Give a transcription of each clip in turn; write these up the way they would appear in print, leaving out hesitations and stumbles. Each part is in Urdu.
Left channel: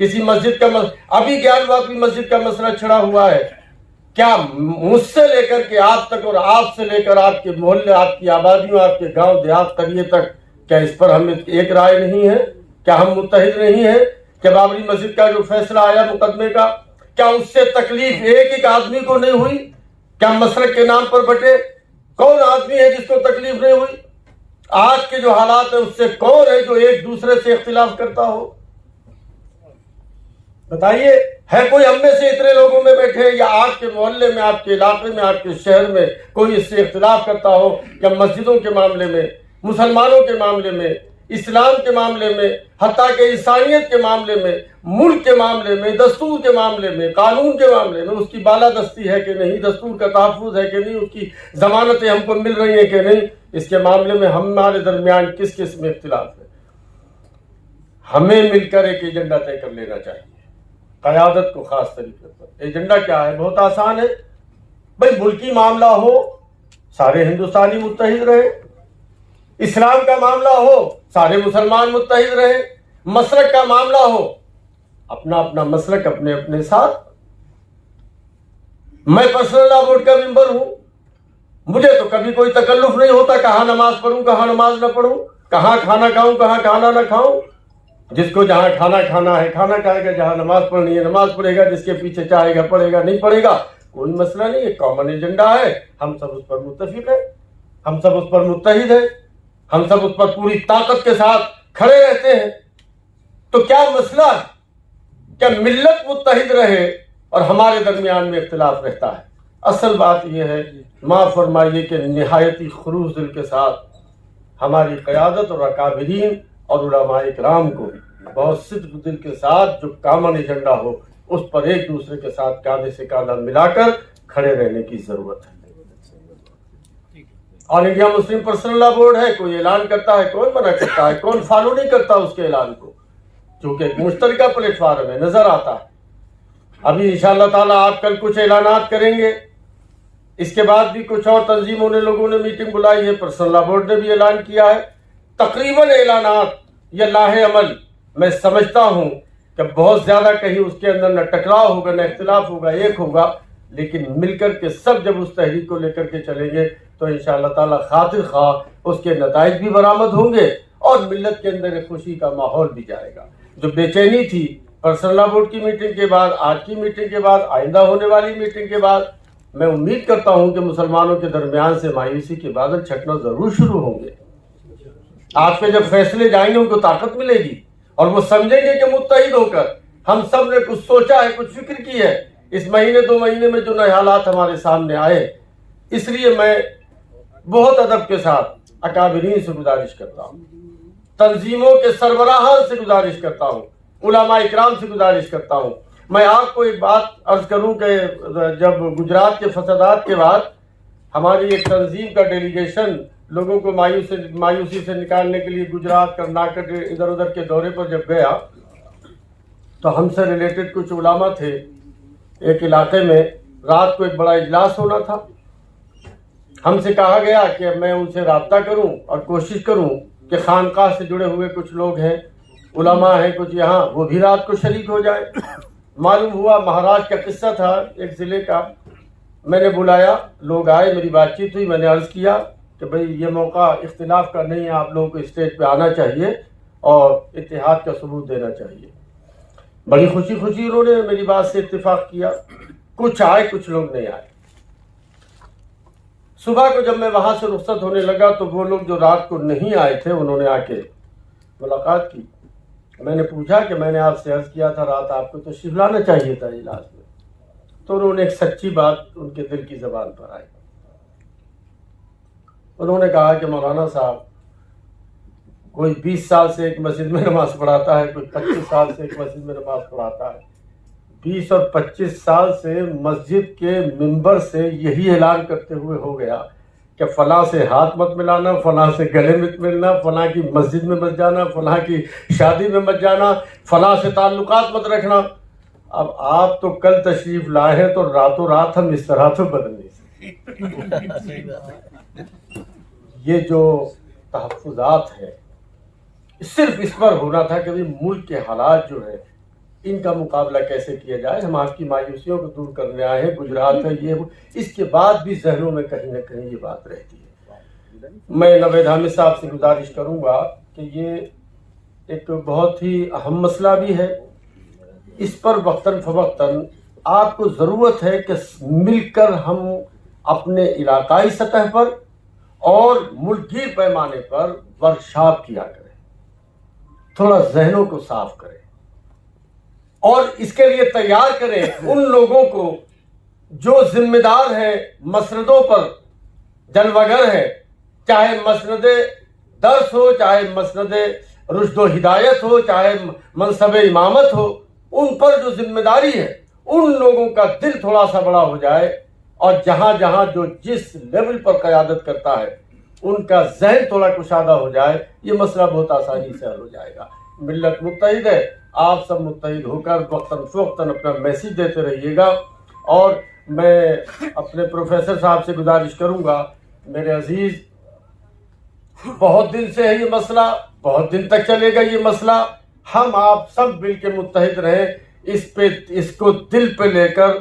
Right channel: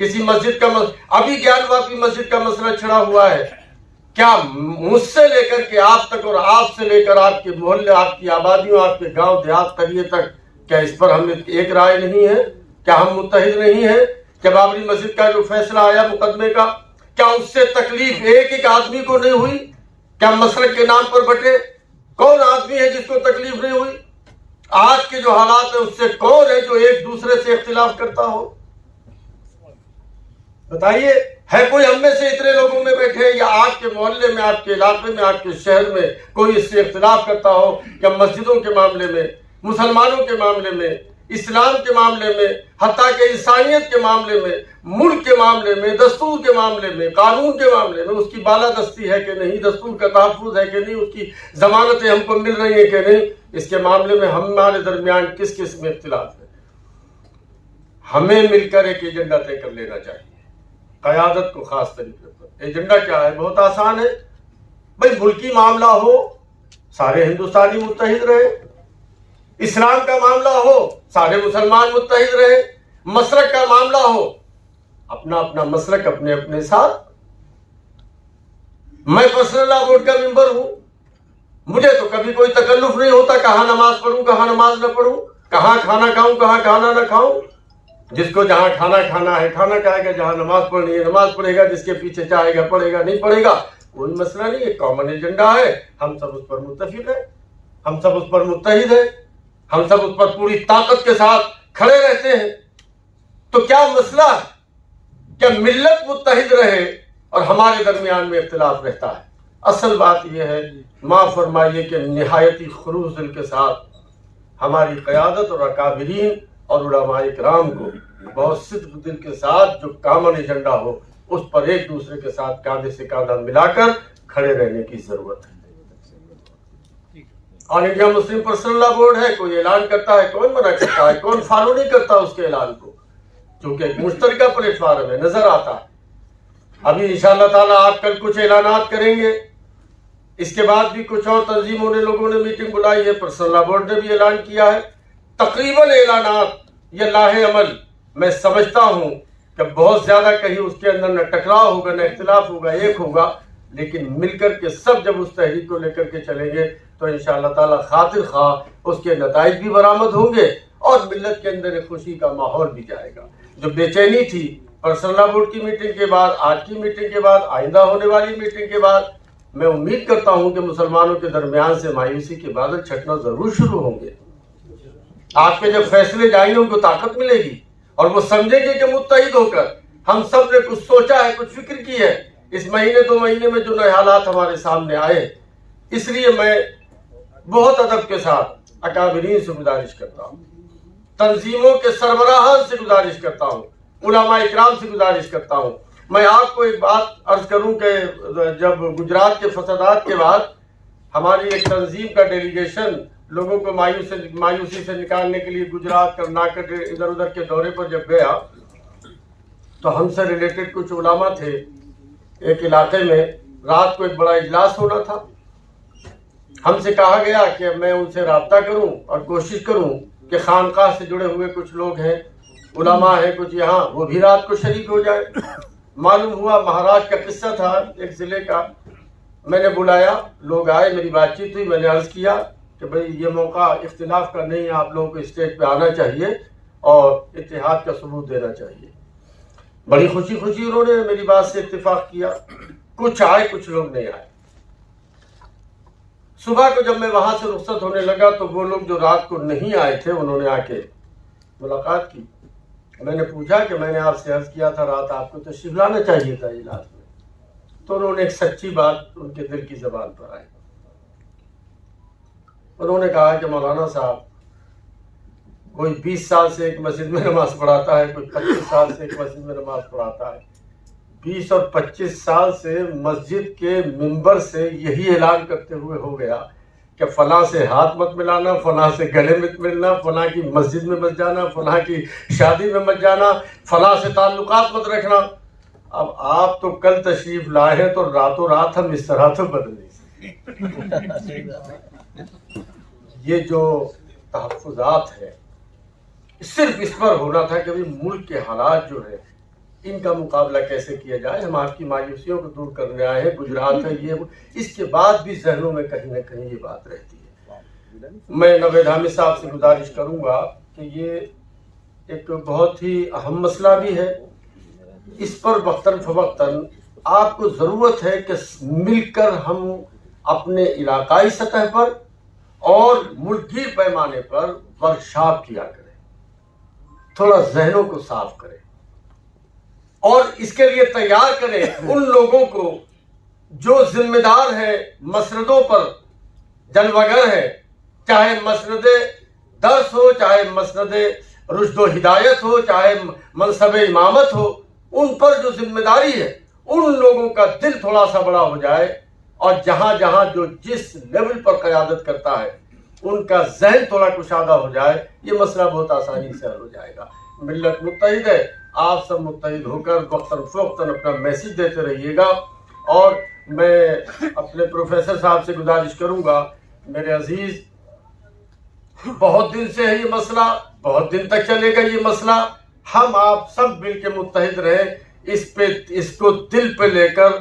کسی مسجد کا ابھی گیان واپی مسجد کا مسئلہ چھڑا ہوا ہے، کیا مجھ سے لے کر کے آپ تک اور آپ سے لے کر آپ کے محلے، آپ کی آبادیوں، آپ کے گاؤں دیہات قریے تک، کیا اس پر ہم ایک رائے نہیں ہے؟ کیا ہم متحد نہیں ہیں؟ کہ بابری مسجد کا جو فیصلہ آیا مقدمے کا، کیا اس سے تکلیف ایک آدمی کو نہیں ہوئی؟ کیا مسلک کے نام پر بٹے؟ کون آدمی ہے جس کو تکلیف نہیں ہوئی؟ آج کے جو حالات ہیں اس سے کون ہے جو ایک دوسرے سے اختلاف کرتا ہو؟ بتائیے، ہے کوئی ہم میں سے اتنے لوگوں میں بیٹھے یا آپ کے محلے میں، آپ کے علاقے میں، آپ کے شہر میں کوئی اس سے اختلاف کرتا ہو کہ مسجدوں کے معاملے میں، مسلمانوں کے معاملے میں، اسلام کے معاملے میں، حتیٰ کہ انسانیت کے معاملے میں، ملک کے معاملے میں، دستور کے معاملے میں، قانون کے معاملے میں اس کی بالادستی ہے کہ نہیں، دستور کا تحفظ ہے کہ نہیں، اس کی ضمانتیں ہم کو مل رہی ہیں کہ نہیں، اس کے معاملے میں ہمارے درمیان کس قسم میں اختلاف ہے؟ ہمیں مل کر ایک ایجنڈا طے کر لینا چاہیے، قیادت کو خاص طریقے پر۔ ایجنڈا کیا ہے؟ بہت آسان ہے بھئی، ملکی معاملہ ہو سارے ہندوستانی متحد رہے، اسلام کا معاملہ ہو سارے مسلمان متحد رہے، مسلک کا معاملہ ہو اپنا اپنا مسلک اپنے اپنے ساتھ۔ میں پرسنل لا بورڈ کا ممبر ہوں، مجھے تو کبھی کوئی تکلف نہیں ہوتا کہاں نماز پڑھوں کہاں نماز نہ پڑھوں، کہاں کھانا کھاؤں کہاں کھانا نہ کھاؤں۔ جس کو جہاں کھانا کھانا ہے کھانا کھائے گا، جہاں نماز پڑھنی ہے نماز پڑھے گا، جس کے پیچھے چاہے گا پڑھے گا، نہیں پڑھے گا کوئی مسئلہ نہیں ہے، کامن ایجنڈا ہے، ہم سب اس پر متفق ہیں، ہم سب اس پر متحد ہیں، ہم سب اس پر پوری طاقت کے ساتھ کھڑے رہتے ہیں۔ تو کیا مسئلہ؟ کیا ملت متحد رہے اور ہمارے درمیان میں اختلاف رہتا ہے؟ اصل بات یہ ہے، معاف فرمائیے کہ نہایتی خلوص دل کے ساتھ ہماری قیادت اور اکابرین اور علماء کرام کو بہت صدق دل کے ساتھ جو کامن ایجنڈا ہو اس پر ایک دوسرے کے ساتھ کاندھے سے کاندھا ملا کر کھڑے رہنے کی ضرورت ہے۔ آل انڈیا مسلم پرسنل لا بورڈ ہے، کوئی اعلان کرتا ہے، کون منع کرتا ہے، کون فالو نہیں کرتا اس کے اعلان کو، چونکہ ایک مشترکہ پلیٹ فارم ہے، نظر آتا ہے۔ ابھی انشاءاللہ تعالیٰ آپ کل کچھ اعلانات کریں گے، اس کے بعد بھی کچھ اور تنظیموں نے لوگوں نے میٹنگ بلائی ہے، پرسنل لا بورڈ نے بھی اعلان کیا ہے۔ تقریباً اعلانات یہ لاہ عمل میں سمجھتا ہوں کہ بہت زیادہ کہیں اس کے اندر نہ ٹکراؤ ہوگا نہ اختلاف ہوگا، ایک ہوگا، لیکن مل کر کے سب جب اس تحریک کو لے کر کے چلیں گے تو انشاءاللہ تعالی خاطر خواہ اس کے نتائج بھی برآمد ہوں گے اور ملت کے اندر ایک خوشی کا ماحول بھی جائے گا۔ جو بے چینی تھی پرسنل لا بورڈ کی میٹنگ کے بعد، آج کی میٹنگ کے بعد، آئندہ ہونے والی میٹنگ کے بعد، میں امید کرتا ہوں کہ مسلمانوں کے درمیان سے مایوسی کے بادل چھٹنا ضرور شروع ہوں گے۔ آپ کے جب فیصلے جائیں گے ان کو طاقت ملے گی اور وہ سمجھیں گے کہ متحد ہو کر ہم سب نے کچھ سوچا ہے، کچھ فکر کی ہے۔ اس مہینے دو مہینے میں جو نئے حالات ہمارے سامنے آئے، اس لیے میں بہت ادب کے ساتھ اکابرین سے گزارش کرتا ہوں، تنظیموں کے سربراہان سے گزارش کرتا ہوں، علماء اکرام سے گزارش کرتا ہوں۔ میں آپ کو ایک بات عرض کروں کہ جب گجرات کے فسادات کے بعد ہماری ایک تنظیم کا ڈیلیگیشن لوگوں کو مایوسی سے نکالنے کے لیے گجرات کرناٹک ادھر ادھر کے دورے پر جب گیا تو ہم سے ریلیٹڈ کچھ علماء تھے، ایک علاقے میں رات کو ایک بڑا اجلاس ہونا تھا۔ ہم سے کہا گیا کہ میں ان سے رابطہ کروں اور کوشش کروں کہ خانقاہ سے جڑے ہوئے کچھ لوگ ہیں، علماء ہیں کچھ یہاں، وہ بھی رات کو شریک ہو جائے۔ معلوم ہوا مہاراشٹر کا قصہ تھا ایک ضلع کا، میں نے بلایا، لوگ آئے، میری بات چیت ہوئی، میں نے عرض کیا کہ بھئی یہ موقع اختلاف کا نہیں ہے، آپ لوگوں کو اسٹیج پہ آنا چاہیے اور اتحاد کا ثبوت دینا چاہیے۔ بڑی خوشی انہوں نے میری بات سے اتفاق کیا، کچھ آئے کچھ لوگ نہیں آئے۔ صبح کو جب میں وہاں سے رخصت ہونے لگا تو وہ لوگ جو رات کو نہیں آئے تھے انہوں نے آ کے ملاقات کی۔ میں نے پوچھا کہ میں نے آپ سے عرض کیا تھا رات آپ کو تشریف لانا چاہیے تھا اجلاس میں، تو انہوں نے ایک سچی بات ان کے دل کی زبان پر آئی۔ انہوں نے کہا کہ مولانا صاحب کوئی 20 سال سے ایک مسجد میں نماز پڑھاتا ہے، کوئی 25 سال سے ایک مسجد میں نماز پڑھاتا ہے، 20 اور 25 سال سے مسجد کے ممبر سے یہی اعلان کرتے ہوئے ہو گیا کہ فلاں سے ہاتھ مت ملانا، فلاں سے گلے مت ملنا، فلاں کی مسجد میں مت جانا، فلاں کی شادی میں مت جانا، فلاں سے تعلقات مت رکھنا۔ اب آپ تو کل تشریف لائے ہیں تو راتوں رات ہم اس طرح تو بدل نہیں سکتے۔ یہ جو تحفظات ہے صرف اس پر ہونا تھا کہ ملک کے حالات جو ہے ان کا مقابلہ کیسے کیا جائے. ہم آپ کی مایوسیوں کو دور کرنے آئے ہیں. گجرات ہے یہ اس کے بعد بھی ذہنوں میں کہیں نہ کہیں یہ بات رہتی ہے. میں نوید حامد صاحب سے گزارش کروں گا کہ یہ ایک بہت ہی اہم مسئلہ بھی ہے. اس پر وقتاً فوقتاً آپ کو ضرورت ہے کہ مل کر ہم اپنے علاقائی سطح پر اور ملکی پیمانے پر ورکشاپ کیا کریں, تھوڑا ذہنوں کو صاف کریں اور اس کے لیے تیار کریں ان لوگوں کو جو ذمہ دار ہیں مسندوں پر جلوگر ہیں, چاہے مسند درس ہو, چاہے مسند رشد و ہدایت ہو, چاہے منصب امامت ہو. ان پر جو ذمہ داری ہے ان لوگوں کا دل تھوڑا سا بڑا ہو جائے اور جہاں جہاں جو جس لیول پر قیادت کرتا ہے ان کا ذہن تھوڑا کشادہ ہو جائے, یہ مسئلہ بہت آسانی سے حل ہو جائے گا. ملت متحد ہے, آپ سب متحد ہو کر وقتاً فوقتاً اپنا میسج دیتے رہیے گا. اور میں اپنے پروفیسر صاحب سے گزارش کروں گا, میرے عزیز, بہت دن سے ہے یہ مسئلہ, بہت دن تک چلے گا یہ مسئلہ. ہم آپ سب مل کے متحد رہیں. اس کو دل پہ لے کر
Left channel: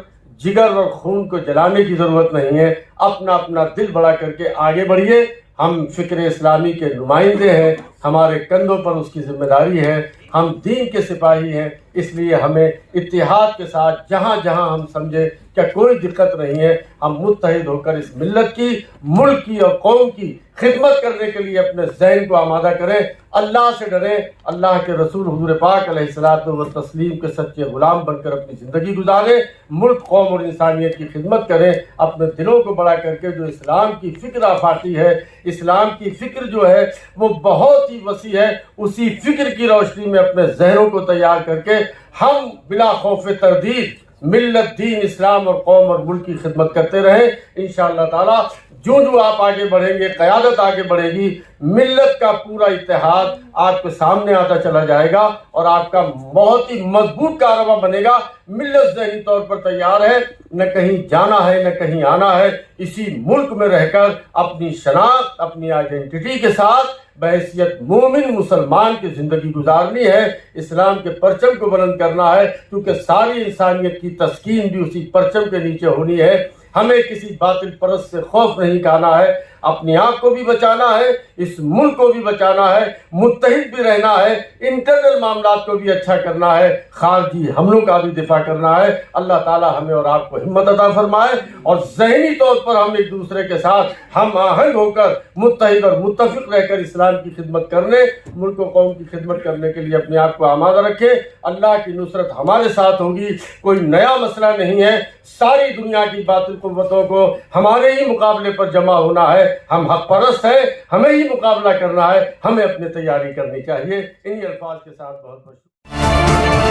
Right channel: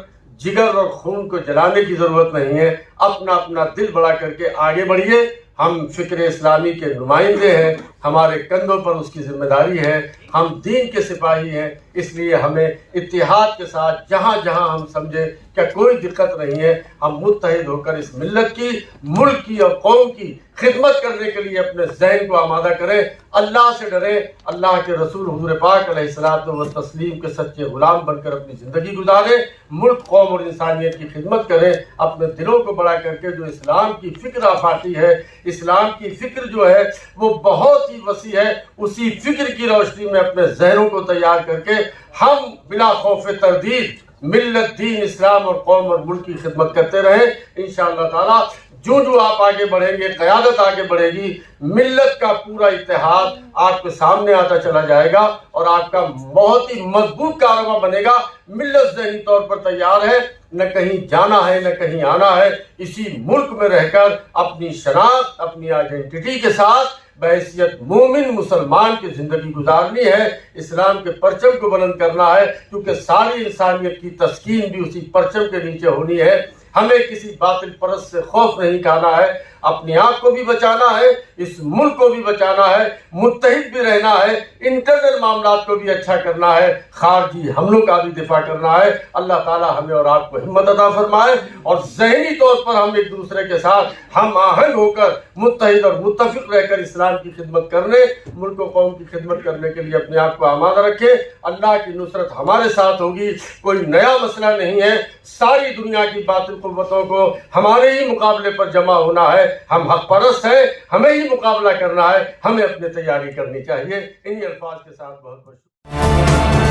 جگر اور خون کو جلانے کی ضرورت نہیں ہے. اپنا اپنا دل بڑا کر کے آگے بڑھیے. ہم فکر اسلامی کے نمائندے ہیں, ہمارے کندھوں پر اس کی ذمہ داری ہے. ہم دین کے سپاہی ہیں, اس لیے ہمیں اتحاد کے ساتھ جہاں جہاں ہم سمجھے کہ کوئی دقت نہیں ہے, ہم متحد ہو کر اس ملت کی, ملک کی اور قوم کی خدمت کرنے کے لیے اپنے ذہن کو آمادہ کریں. اللہ سے ڈریں, اللہ کے رسول حضور پاک علیہ الصلوۃ والتسلیم کے سچے غلام بن کر اپنی زندگی گزاریں. ملک, قوم اور انسانیت کی خدمت کریں. اپنے دلوں کو بڑا کر کے جو اسلام کی فکر آفاقی ہے, اسلام کی فکر جو ہے وہ بہت ہی وسیع ہے, اسی فکر کی روشنی میں اپنے ذہنوں کو تیار کر کے ہم بلا خوف تردید ملت, دین, اسلام اور قوم اور ملک کی خدمت کرتے رہیں. انشاءاللہ تعالی جو آپ آگے بڑھیں گے, قیادت آگے بڑھے گی, ملت کا پورا اتحاد آپ کے سامنے آتا چلا جائے گا اور آپ کا بہت ہی مضبوط کارواں بنے گا. ملت ذہنی طور پر تیار ہے, نہ کہیں جانا ہے نہ کہیں آنا ہے. اسی ملک میں رہ کر اپنی شناخت, اپنی آئیڈینٹی کے ساتھ بحیثیت مومن مسلمان کی زندگی گزارنی ہے. اسلام کے پرچم کو بلند کرنا ہے, کیونکہ ساری انسانیت کی تسکین بھی اسی پرچم کے نیچے ہونی ہے. ہمیں کسی باطل پرست سے خوف نہیں کھانا ہے. اپنے آپ کو بھی بچانا ہے, اس ملک کو بھی بچانا ہے, متحد بھی رہنا ہے, انٹرنل معاملات کو بھی اچھا کرنا ہے, خارجی حملوں کا بھی دفاع کرنا ہے. اللہ تعالی ہمیں اور آپ کو ہمت عطا فرمائے اور ذہنی طور پر ہم ایک دوسرے کے ساتھ ہم آہنگ ہو کر متحد اور متفق رہ کر اسلام کی خدمت کرنے, ملک و قوم کی خدمت کرنے کے لیے اپنے آپ کو آمادہ رکھیں. اللہ کی نصرت ہمارے ساتھ ہوگی. کوئی نیا مسئلہ نہیں ہے, ساری دنیا کی باطل قوتوں کو ہمارے ہی مقابلے پر جمع ہونا ہے. ہم حق پرست ہیں, ہمیں ہی مقابلہ کرنا ہے, ہمیں اپنی تیاری کرنی چاہیے. انہی الفاظ کے ساتھ بہت بہت